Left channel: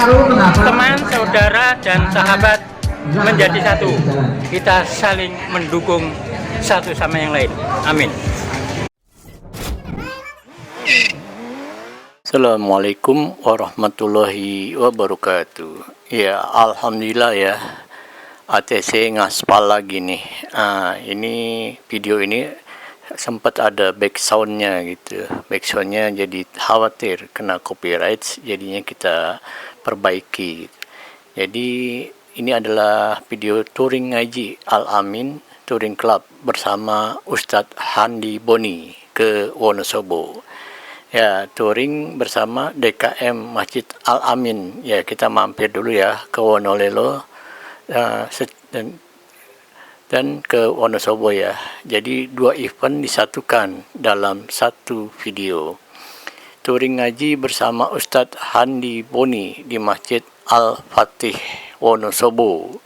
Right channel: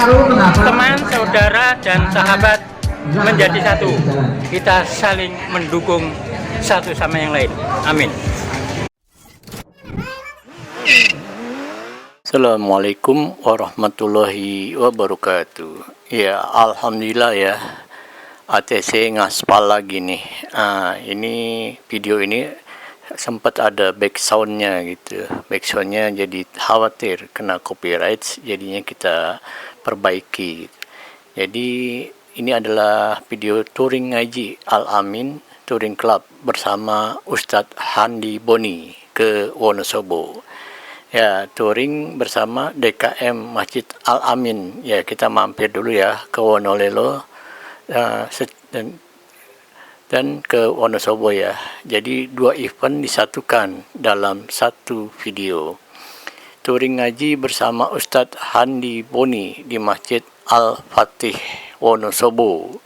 teman, saudara, dan sahabat menjadi satu. Kita saling mendukung satu sama yang lain. Amin. Assalamualaikum warahmatullahi wabarakatuh. Ya, alhamdulillah ya, ATC ngaspal lagi nih. Ini video ini sempat ada backsoundnya gitu. Backsoundnya jadi khawatir kena copyright, jadinya kita perbaiki. Jadi ini adalah video touring ngaji Al-Amin Touring Club bersama Ustadz Handi Boni ke Wonosobo. Ya, touring bersama DKM Masjid Al-Amin. Ya, kita mampir dulu ya ke Wonolelo dan ke Wonosobo ya. Jadi dua event disatukan dalam satu video. Touring ngaji bersama Ustadz Handi Boni di Masjid Al-Fatih Wonosobo.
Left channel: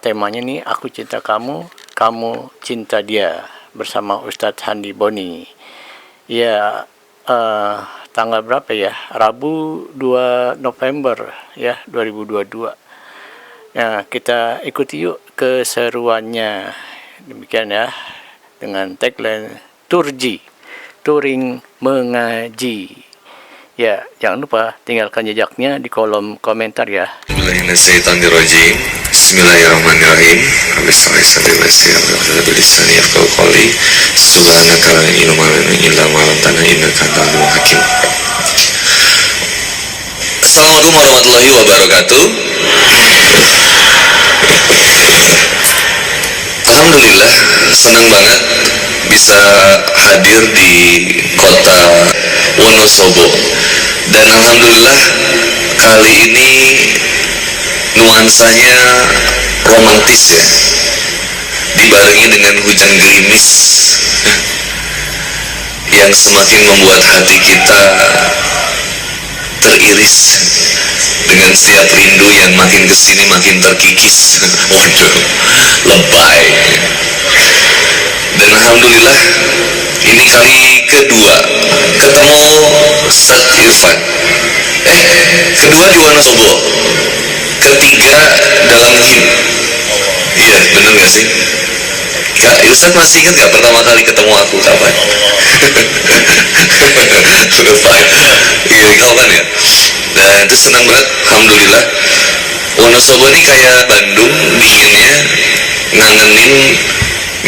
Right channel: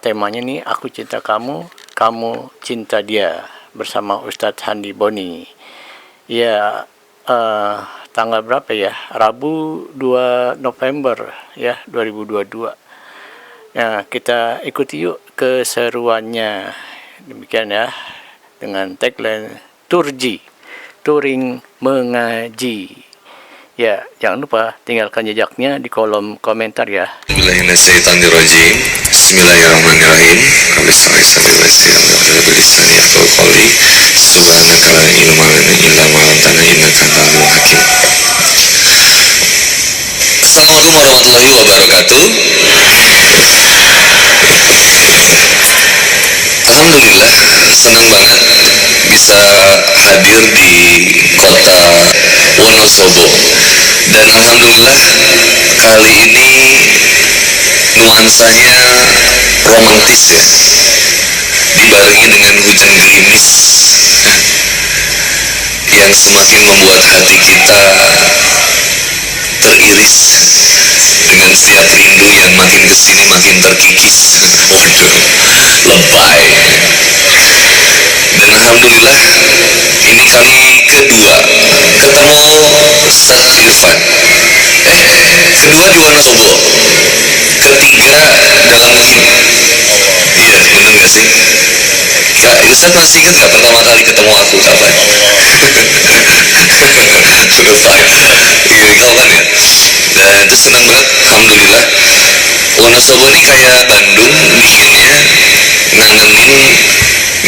Temanya nih, aku cinta kamu, kamu cinta dia, bersama Ustadz Handi Boni. Ya, tanggal berapa ya? Rabu 2 November ya 2022. Ya, kita ikuti yuk keseruannya. Demikian ya, dengan tagline Turji, touring mengaji. Ya, jangan lupa tinggalkan jejaknya di kolom komentar ya. Bismillahirrahmanirrahim. Subhanaka la ilma lana illa ma 'allamtana innaka antal alimul hakim. Assalamualaikum warahmatullahi wabarakatuh. Alhamdulillah, senang banget bisa hadir di kota Wonosobo. Dan alhamdulillah kali ini nuansanya romantis ya, dibarengi dengan hujan gerimis yang semakin membuat hati kita teriris dengan setiap rindu yang makin kesini makin terkikis. Waduh, lebay. Dan alhamdulillah ini kali kedua ketemu Ustadz Irfan. Kedua di Wonosobo, ketiga dalam muhim. Iya, bener gak sih? Kak Ustadz masih ingat gak pertama kali ketemu aku kapan? Lupa. Iya, kau kan ya. Dan itu senang banget, alhamdulillah. Wonosobo ini kayak Bandung, dinginnya, ngangenin,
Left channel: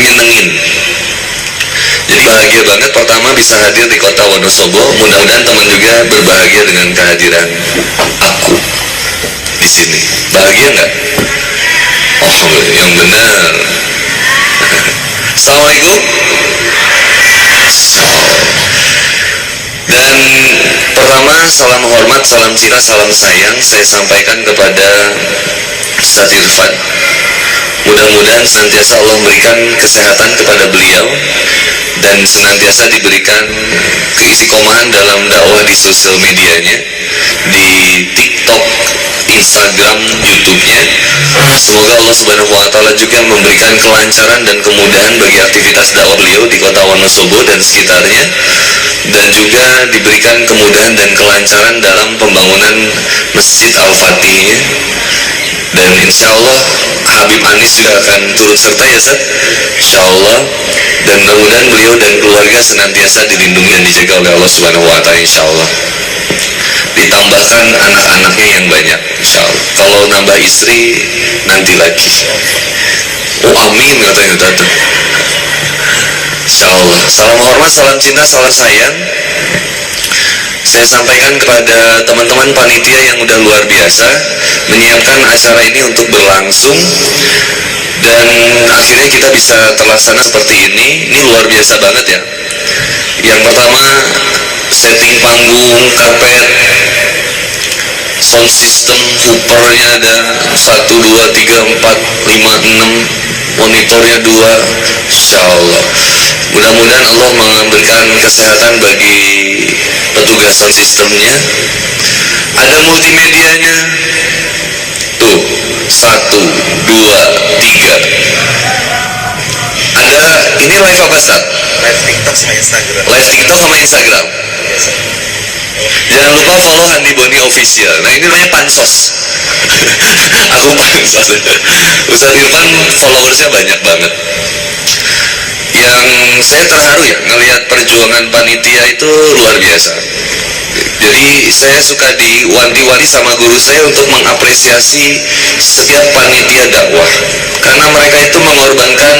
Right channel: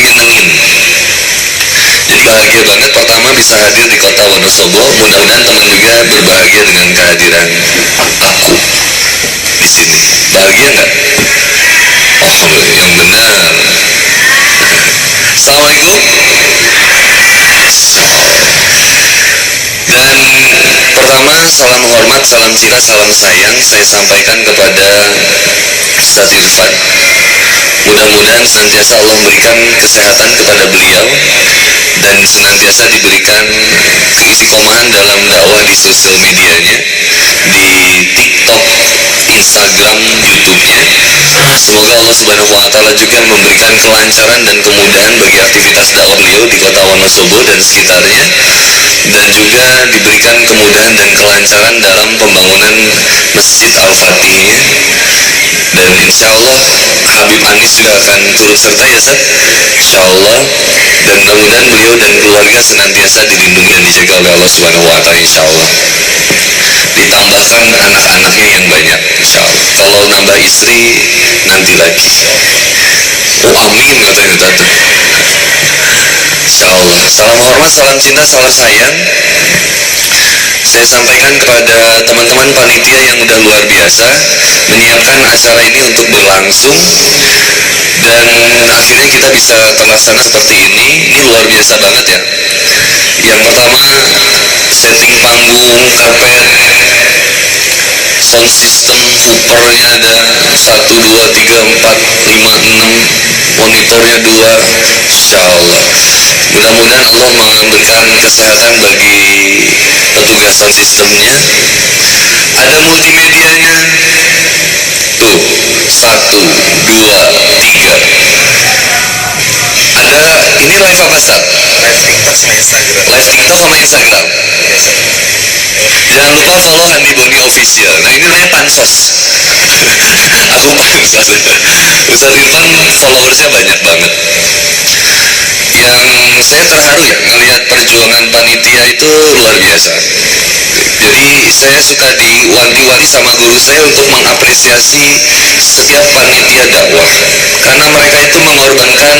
nyenengin. Jadi bahagia banget pertama bisa hadir di kota Wonosobo. Mudah-mudahan teman juga berbahagia dengan kehadiran aku di sini. Bahagia nggak? Alhamdulillah, yang benar. Assalamualaikum. Dan pertama, salam hormat, salam cinta, salam sayang saya sampaikan kepada Ustadz Irfan. Mudah-mudahan senantiasa Allah memberikan kesehatan kepada beliau dan senantiasa diberikan keistiqomahan dalam dakwah di sosial medianya, di TikTok, Instagram, YouTube-nya. Semoga Allah Subhanahu wa Ta'ala juga memberikan kelancaran dan kemudahan bagi aktivitas dakwah beliau di kota Wonosobo dan sekitarnya, dan juga diberikan kemudahan dan kelancaran dalam pembangunan Masjid Al-Fatihnya. Dan insya Allah Habib Anis juga akan turut serta ya Ustaz, insya Allah. Dan mudah-mudahan beliau dan keluarga senantiasa dilindungi dan dijaga oleh Allah Subhanahu wa Ta'ala, insya Allah. Ditambahkan anak-anaknya yang banyak, insya Allah. Kalau nambah istri nanti lagi. Oh amin katanya tadi. Insya Allah. Salam hormat, salam cinta, salam sayang saya sampaikan kepada teman-teman panitia yang udah luar biasa menyiapkan acara ini untuk berlangsung, dan akhirnya kita bisa terlaksana seperti ini. Ini luar biasa banget ya. Yang pertama, setting panggung, karpet, sound system, hoopernya ada 1, 2, 3, 4, 5, 6, monitornya 2, insya Allah. Mudah-mudahan Allah memberikan kesehatan bagi petugas sound systemnya. Ada multimedianya tuh, 1, 2, 3. Ada, ini live apa Ustaz? Live TikTok sama Instagram. Live TikTok sama Instagram. Jangan lupa follow Handi Boni Official. Nah ini namanya pansos. Aku pansos. Ustadz Irfan followersnya banyak banget. Yang saya terharu ya ngelihat perjuangan panitia itu luar biasa. Jadi saya suka diwanti-wanti sama guru saya untuk mengapresiasi setiap panitia dakwah, karena mereka itu mengorbankan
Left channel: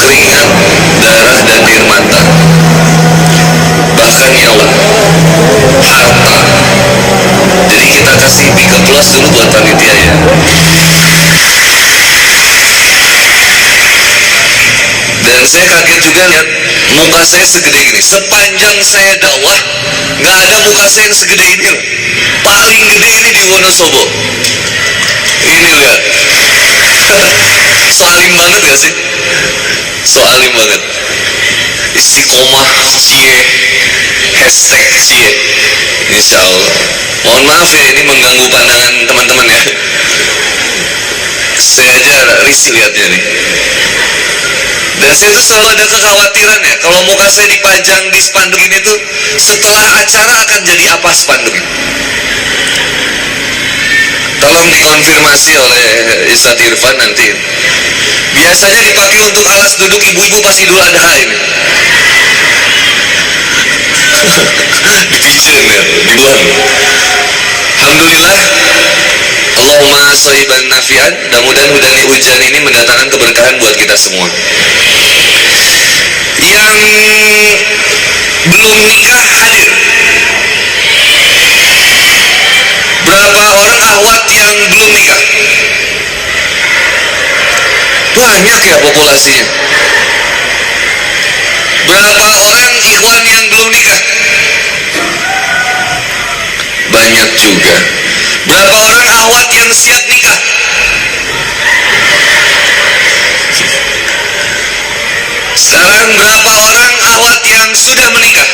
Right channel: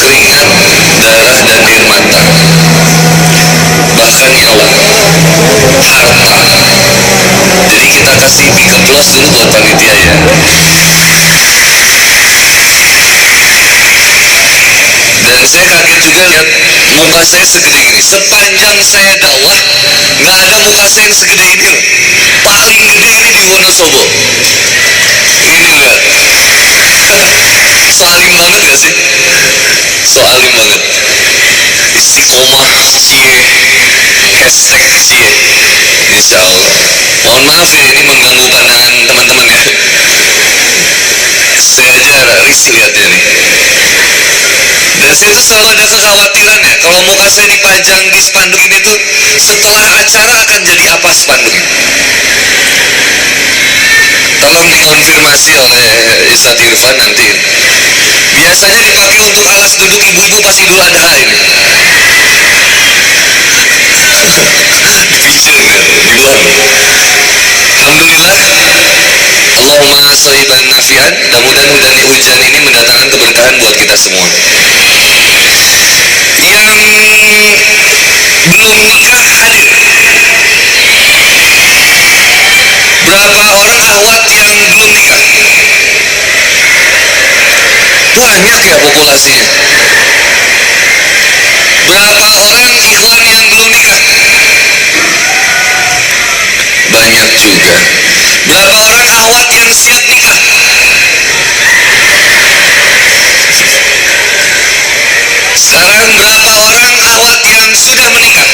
keringat, darah, dan air mata, bahkan nyawa, harta. Jadi kita kasih big applause dulu buat panitia ya. Dan saya kaget juga lihat muka saya segede ini. Sepanjang saya dakwah nggak ada muka saya yang segede ini loh. Paling gede ini di Wonosobo. Ini lihat. Soalim banget gak sih? Soalim banget. Istiqomah cie, hashtag cie. Insya Allah. Mohon maaf ya, ini mengganggu pandangan teman-teman ya. Saya aja risih lihatnya nih. Dan saya tuh selalu ada kekhawatiran ya, kalau muka saya dipajang di spanduk ini tuh setelah acara akan jadi apa spanduk ini? Tolong dikonfirmasi oleh Ustadz Irfan nanti. Biasanya dipakai untuk alas duduk ibu-ibu pas Idul Adha ini. Dipijen ya, dibuang. Alhamdulillah, Allahumma shoiban nafian. Mudah-mudahan hujan ini mendatangkan keberkahan buat kita semua. Yang belum nikah hadir. Berapa orang akhwat yang belum nikah? Banyak ya populasinya. Berapa orang ikhwan yang belum nikah? Banyak juga. Berapa orang akhwat yang siap nikah? Sekarang berapa orang akhwat yang sudah menikah?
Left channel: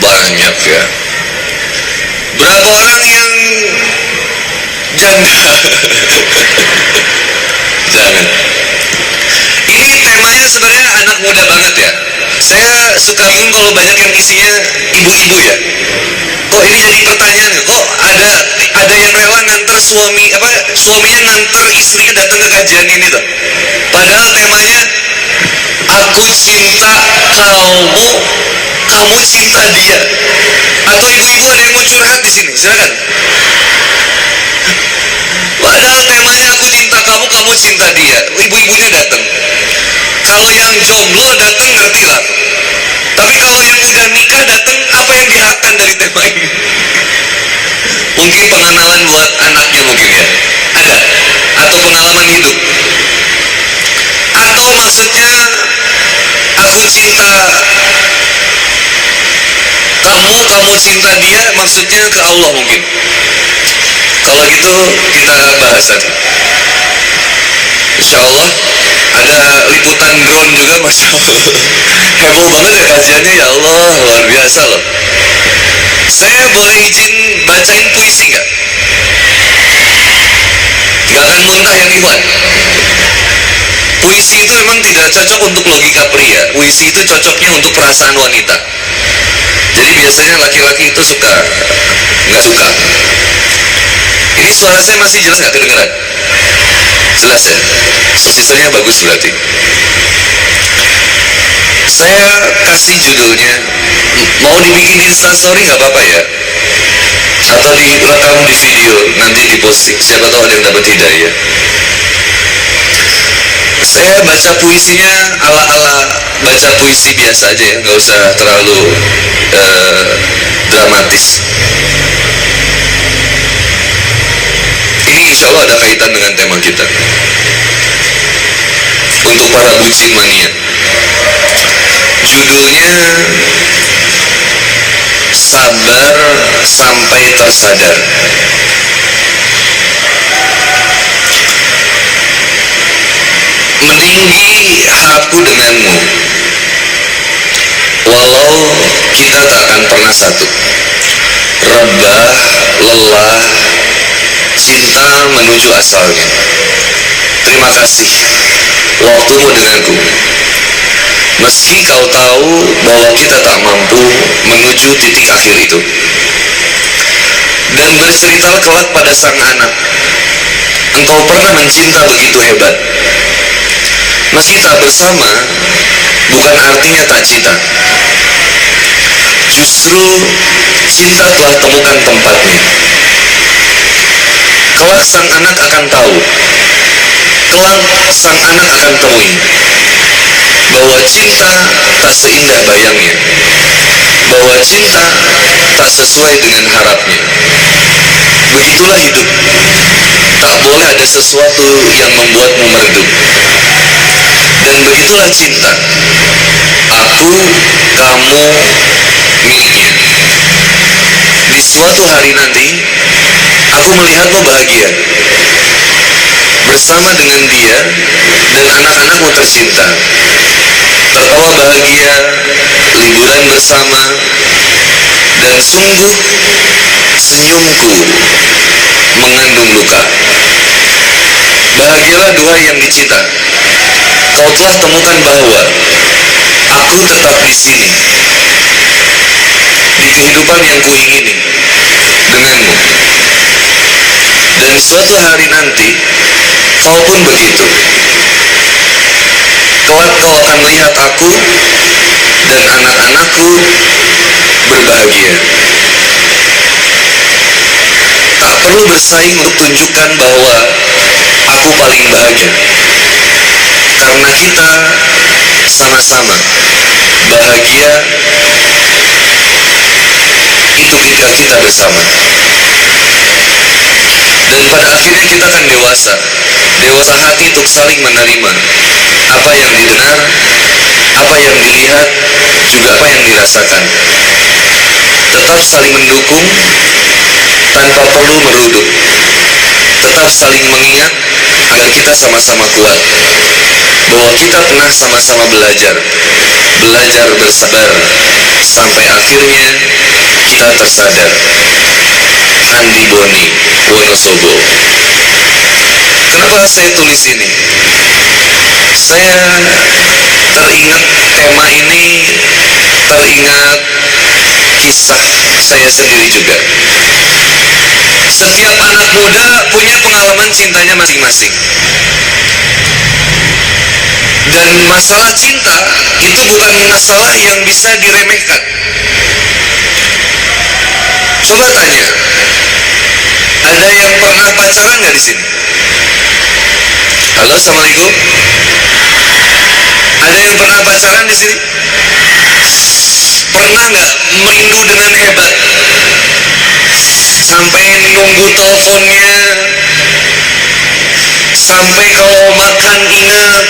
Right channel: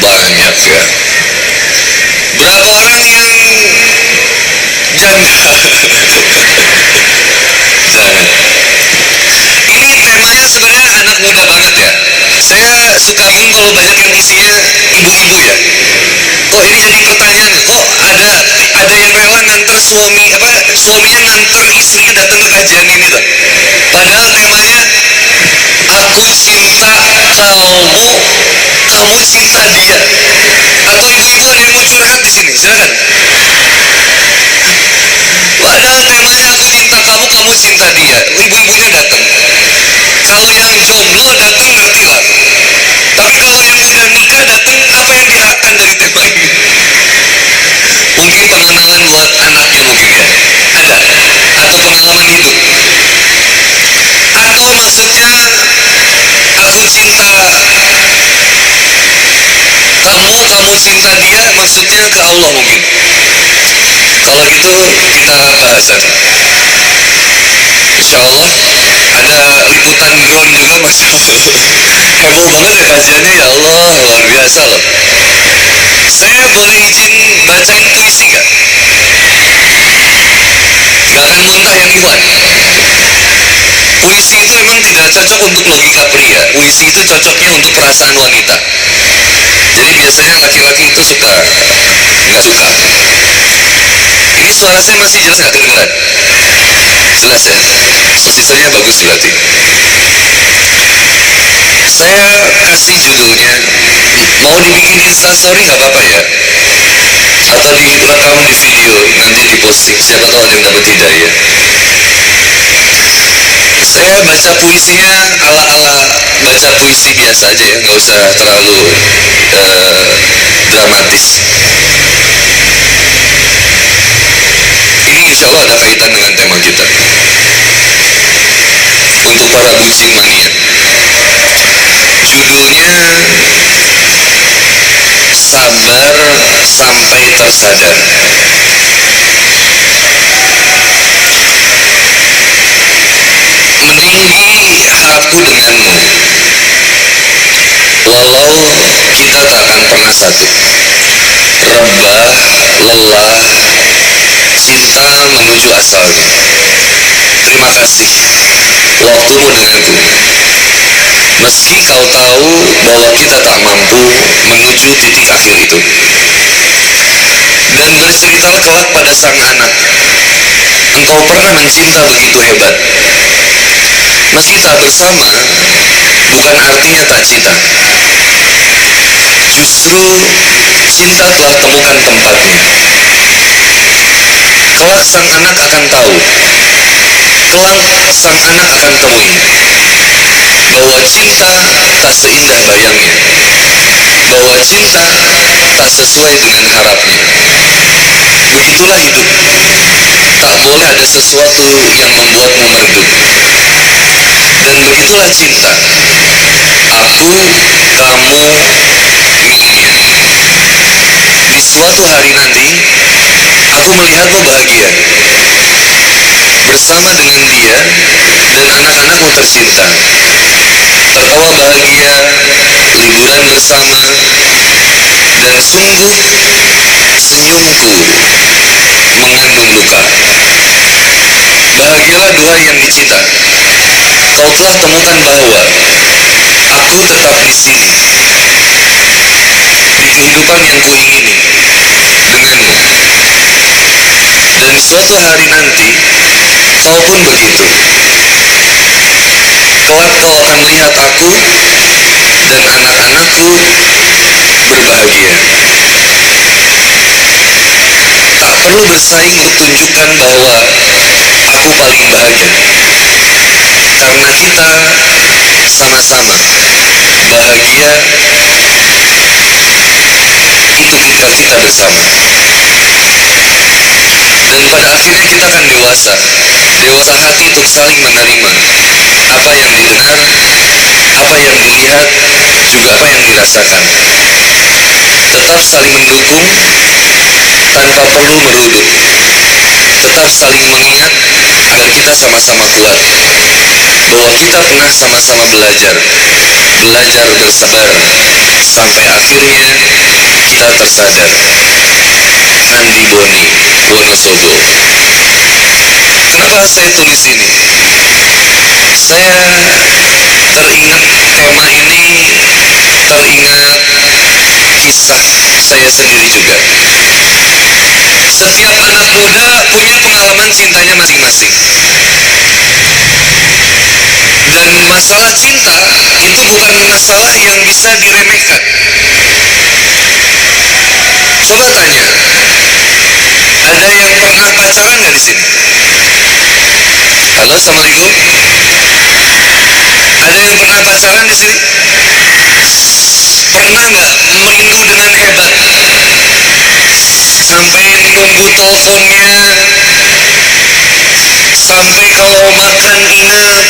Banyak ya. Berapa orang yang janda? Jangan. Ini temanya sebenarnya anak muda banget ya. Saya suka bingung kalau banyak yang isinya ibu-ibu ya. Kok ini jadi pertanyaan? Kok ada yang rela nganter suaminya nganter istrinya datang ke kajian ini tuh. Padahal temanya aku cinta kamu, kamu cinta dia. Atau ibu-ibu ada yang mau curhat di sini? Silakan. Padahal temanya aku cinta kamu, kamu cinta dia. Ibu-ibunya datang. Kalau yang jomblo datang ngerti lah. Tapi kalau yang udah nikah datang, apa yang diharapkan dari tema ini? Mungkin pengenalan buat anaknya mungkin ya. Ada. Atau pengalaman hidup. Atau maksudnya aku cinta kamu, kamu cinta dia, maksudnya ke Allah mungkin. Kalau gitu kita bahas nanti. Insya Allah ada liputan drone juga, Masya Allah. Heboh banget ya kajiannya, ya Allah, luar biasa loh. Saya boleh izin bacain puisi nggak? Nggak akan muntah yang Ikhwan. Puisi itu memang tidak cocok untuk logika pria. Puisi itu cocoknya untuk perasaan wanita. Jadi biasanya laki-laki itu nggak suka. Ini suara saya masih jelas nggak kedengeran? Jelas ya? Sisanya bagus berarti. Saya kasih judulnya, mau dibikin instastory nggak apa-apa ya? Atau direkam di video, nanti diposting. Siapa tahu ada yang dapat hidayah. Saya baca puisinya ala-ala baca puisi biasa aja ya, nggak usah terlalu dramatis. Ini insya Allah ada kaitan dengan tema kita. Untuk para bucin mania, judulnya Sabar Sampai Tersadar. Meninggi harapku denganmu, walau kita tak akan pernah satu. Rebah, lelah, cinta menuju asalnya. Terima kasih waktumu denganku. meski kau tahu bahwa kita tak mampu menuju titik akhir itu. Dan berceritalah kelak pada sang anak, engkau pernah mencinta begitu hebat. Meski tak bersama, bukan artinya tak cinta. Justru cinta telah temukan tempatnya. Kelak sang anak akan tahu, kelak sang anak akan temui bahwa cinta tak seindah bayangnya, bahwa cinta tak sesuai dengan harapnya. Begitulah hidup, tak boleh ada sesuatu yang membuatmu meredup. Dan begitulah cinta, aku, kamu, miliknya. Di suatu hari nanti, aku melihatmu bahagia bersama dengan dia dan anak-anakmu tercinta, tertawa bahagia, liburan bersama, dan sungguh senyumku mengandung luka. Bahagialah dua yang dicinta, kau telah temukan bahwa aku tetap di sini, di kehidupan yang kuingini denganmu. Dan suatu hari nanti, kau pun begitu. Kelak kau akan melihat aku dan anak-anakku berbahagia. Tak perlu bersaing untuk tunjukkan bahwa aku paling bahagia, karena kita sama-sama bahagia. Itu ketika kita bersama. Dan pada akhirnya kita akan dewasa hati untuk saling menerima apa yang didengar, apa yang dilihat, juga apa yang dirasakan. Tetap saling mendukung tanpa perlu meruduk. Tetap saling mengingat agar kita sama-sama kuat, bahwa kita pernah sama-sama belajar bersabar, sampai akhirnya kita tersadar. Andi Boni, Wonosobo. Kenapa saya tulis ini? Saya teringat tema ini, teringat kisah saya sendiri juga. Setiap anak muda punya pengalaman cintanya masing-masing. Dan masalah cinta itu bukan masalah yang bisa diremehkan. Coba tanya, ada yang pernah pacaran nggak di sini? Halo, assalamualaikum. Ada yang pernah pacaran di sini? Pernah nggak merindu dengan hebat? Sampai nunggu teleponnya, sampai kalau makan ingat,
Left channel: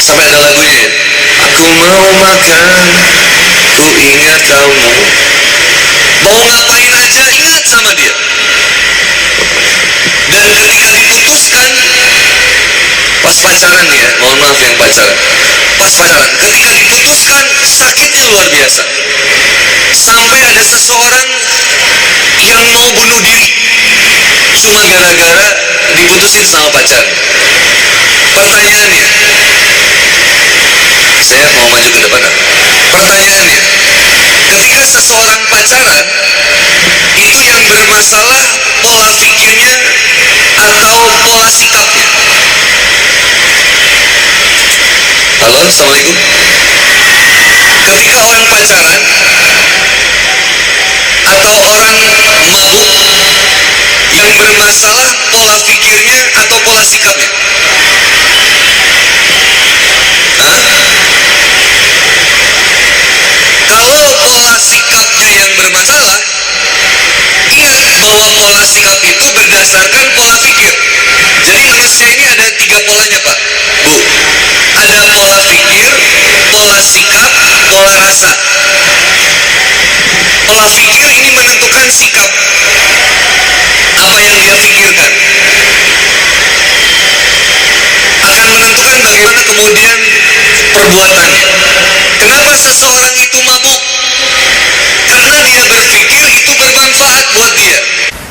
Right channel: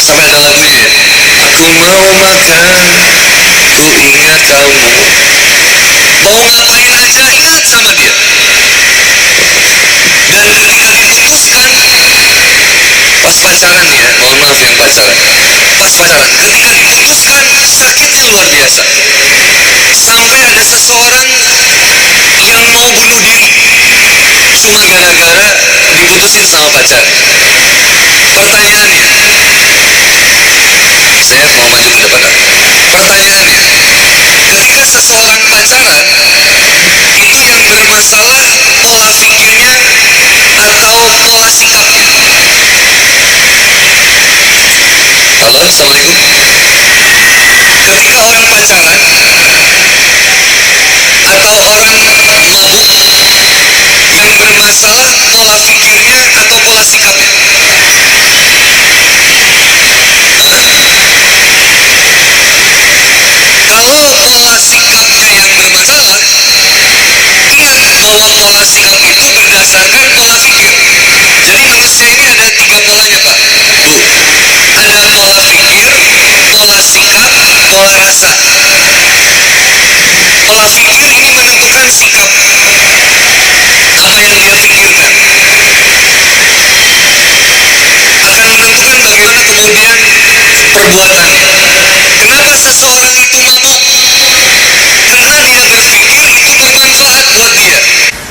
sampai ada lagunya ya. Aku mau makan, ku ingat kamu. Mau ngapain aja ingat sama dia. Dan ketika diputuskan, pas pacaran ya, mohon maaf yang pacaran, pas pacaran, ketika diputuskan sakitnya luar biasa. Sampai ada seseorang yang mau bunuh diri cuma gara-gara diputusin sama pacar. Pertanyaannya, saya mau maju ke depan. Pertanyaannya, ketika seseorang pacaran, itu yang bermasalah pola pikirnya atau pola sikapnya? Halo, assalamualaikum. Ketika orang pacaran atau orang mabuk, yang bermasalah pola pikirnya atau pola sikapnya? Kalau pola sikapnya yang bermasalah, ingat bahwa pola sikap itu berdasarkan pola pikir. Jadi manusia ini ada 3 polanya, Pak, Bu. Ada pola pikir, pola sikap, pola rasa. Pola pikir ini menentukan sikap, apa yang dia pikirkan akan menentukan bagaimana kemudian perbuatan. Kenapa seseorang itu mabuk? Karena dia berpikir itu bermanfaat buat dia.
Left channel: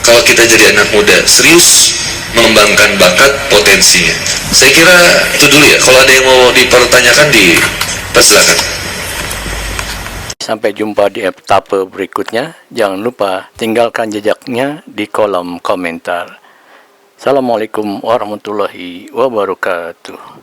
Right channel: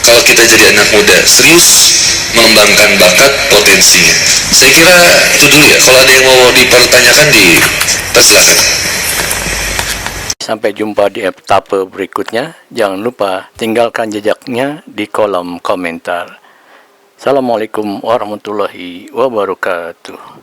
Kalau kita jadi anak muda, serius mengembangkan bakat potensinya. Saya kira itu dulu ya. Kalau ada yang mau dipertanyakan Persilakan. Sampai jumpa di etapa berikutnya. Jangan lupa tinggalkan jejaknya di kolom komentar. Assalamualaikum warahmatullahi wabarakatuh.